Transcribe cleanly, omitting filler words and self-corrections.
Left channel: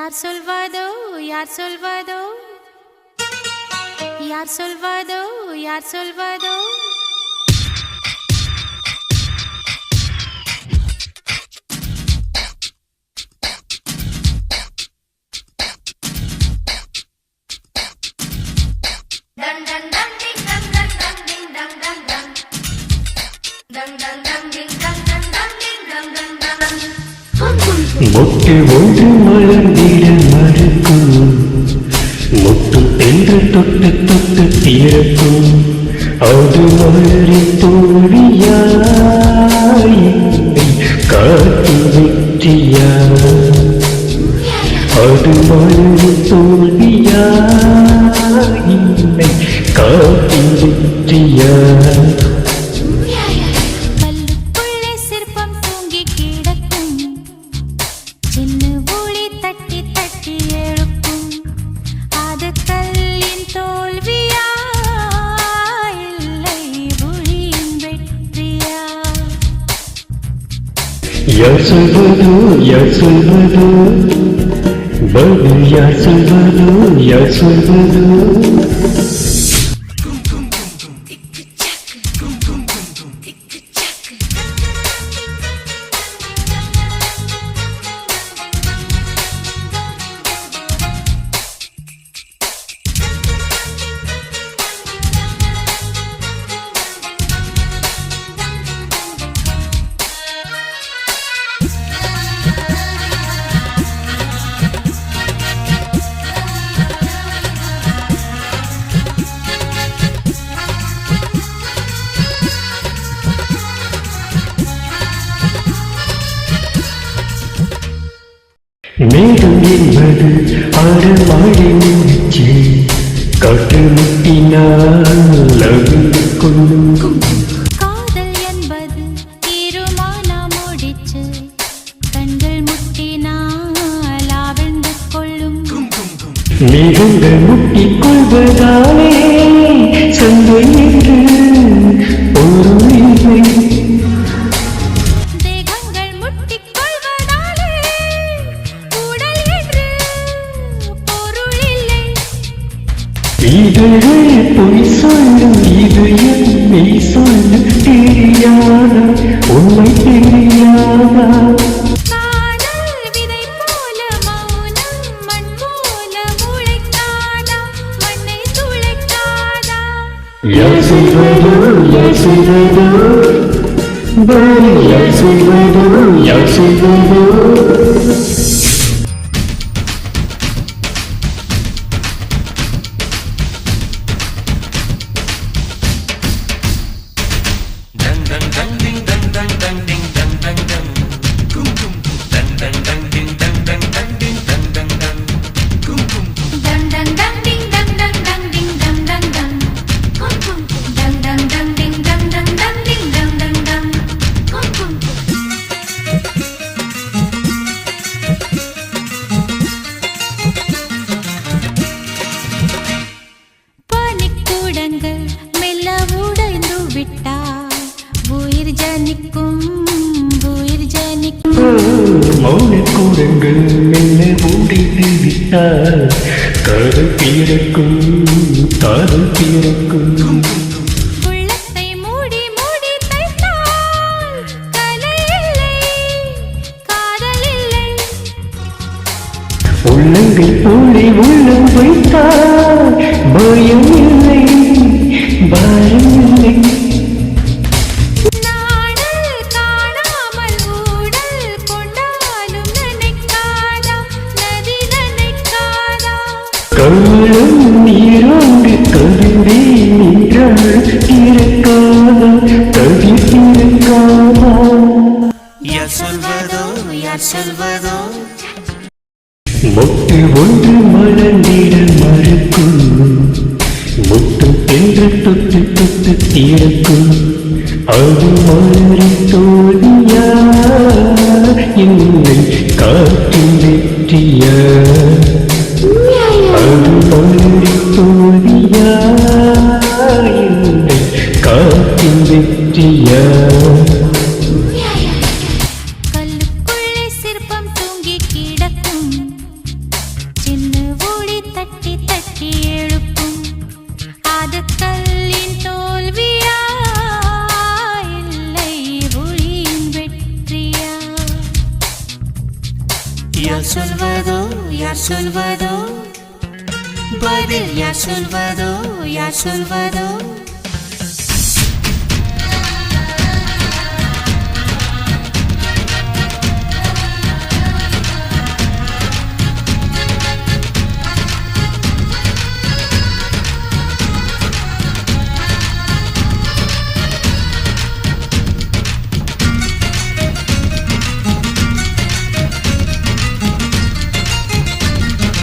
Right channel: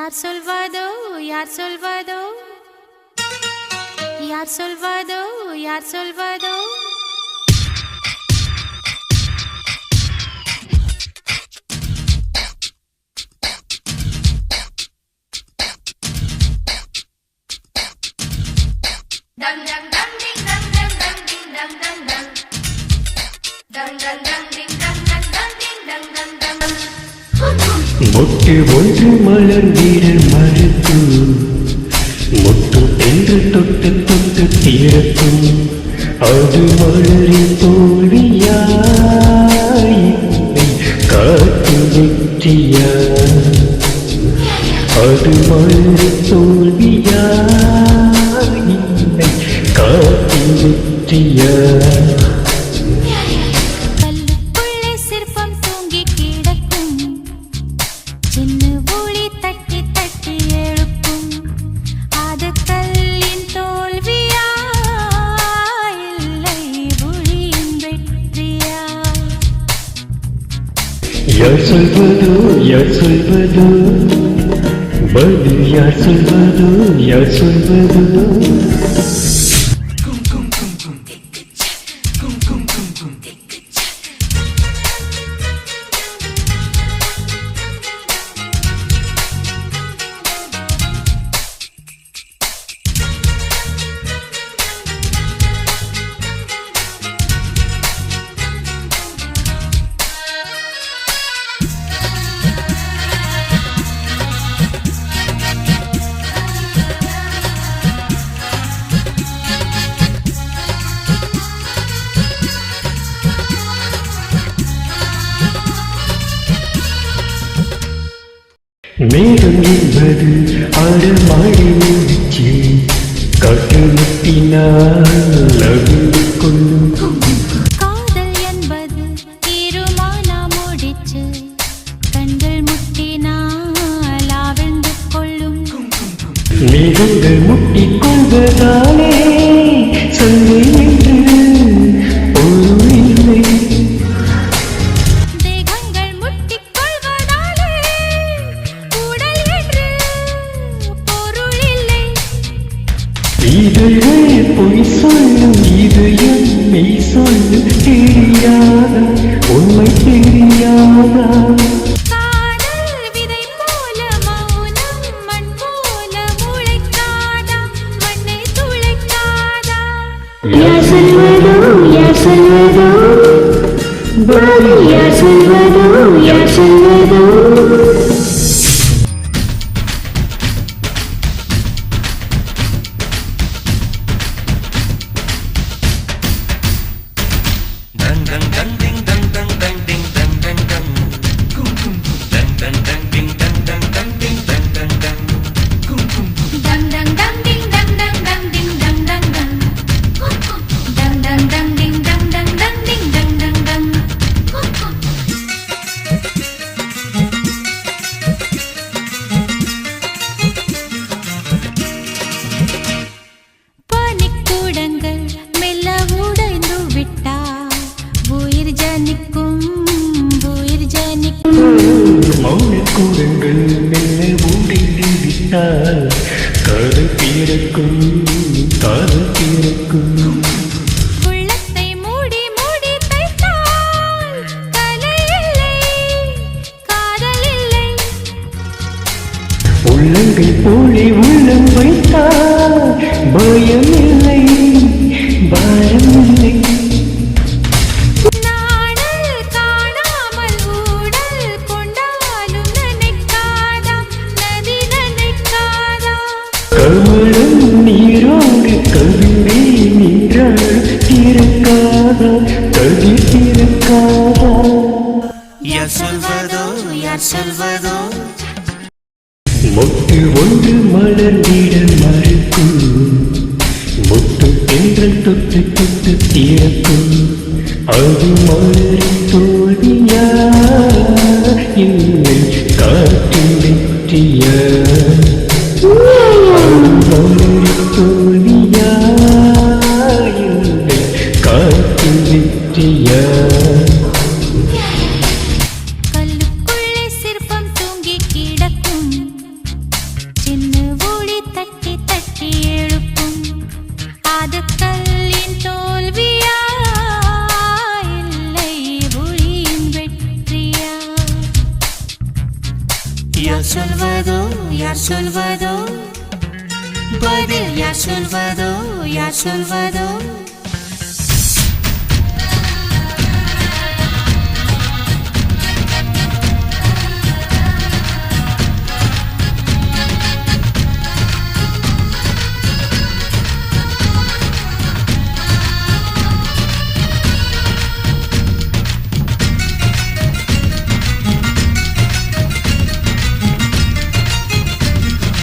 யார் சொல்வதோ யார் சொல்வதோ யார் சொல்வதோ யார் சொல்வதோ மொட்டு ஒன்று மலர்ந்திட மறுக்கும் மொட்டு என்று தொட்டு தொட்டு தீரக்கும் அது மலரின் தோழியா இல்லை காட்டின் வெற்றியா அது மலரின் தோழியா இல்லை காட்டின் வெற்றியா யார் சொல்வதோ யார் சொல்வதோ பதில் யார் சொல்வதோ யார் சொல்வதோ மேகம் என்பது ஆரமாடி நின்றுச்சு காற்று முட்டினால் அவிழ்ந்து கொள்ளும் காதல் என்பது தீருமான முடிச்சு கண்கள் முட்டினால் அவிழ்ந்து கொள்ளும் மேகங்கள் முட்டிக் கொள்வதாலே சங்கை என்று பொருள் இல்லை இதழ்கள் பொய் சொல்லும் இதயம் மெய் சொல்லும் தெரியாதா உண்மை தெரியாதா காதல் விதை போல மௌனம் மண் போல முளைக்காதா மண்ணை துளைக்காதா யார் சொல்வதோ யார் சொல்வதோ பதில் யார் சொல்வதோ யார் சொல்வதோ மௌனக்கூடங்கள் மெல்ல உடைந்து விட்டால் காதல் பிறக்கும் காதல் பிறக்கும் உள்ளத்தை மூடி மூடி தைத்தால் கலை இல்லை காதல் இல்லை உள்ளங்கை போலே உள்ளம் வைத்தால் பயம் இல்லை பாரம் இல்லை கமலம் நீரோடு கவிழே நின்றால் திறக்காதா கதிர் திறக்காதா யார் சொல்வதோ யார் சொல்வதோ மொட்டு ஒன்று மலர்ந்திட மறுக்கும் முட்டும் என்று தொட்டு தொட்டு திறக்கும் அது மலரின் தோழியா இல்லை காற்றின் வெற்றியா அது மலரின் தோழியா இல்லை காற்றின் வெற்றியா கல்லுக்குள்ளே சிற்பம் தூங்கி கிடக்கும் தோல்வியா இல்லை ஒளியின் வெற்றியா? யார் சொல்வதோ யார் சொல்வதோ பதில் யார் சொல்வதோ யார் சொல்வதோ